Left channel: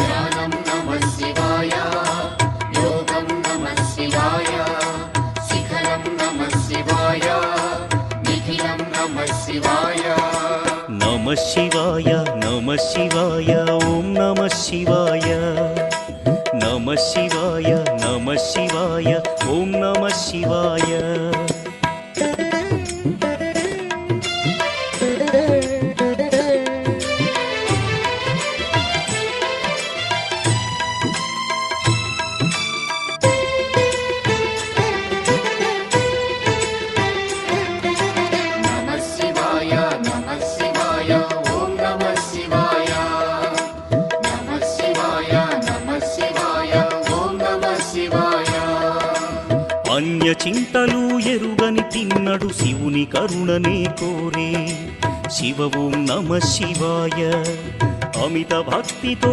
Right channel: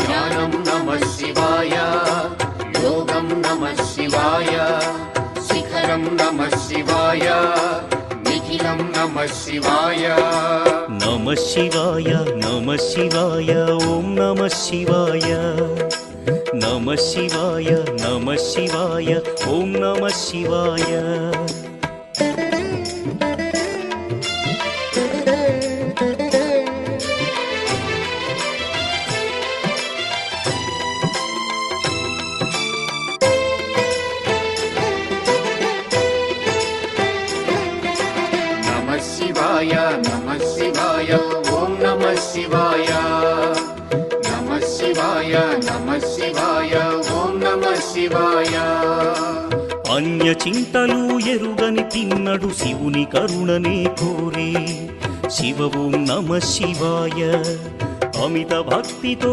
ధ్యానం నమః శివాయ, యోగం నమః శివాయ, శిఖరం నమః శివాయ, నిఖిలం నమః శివాయ. నమః శివాయ నమః శివాయ ఓం నమః శివాయ. నమః శివాయ నమః శివాయ ఓం నమః శివాయ. నమః శివాయ నమః శివాయ ఓం నమః శివాయ. నమః శివాయ నమః శివాయ ఓం నమః శివాయ. అన్య చింతలు ఎరుగని తిన్నడు శివుని కరుణనే కోరే. శివ ఓం నమః శివాయ. అమిత భక్తితో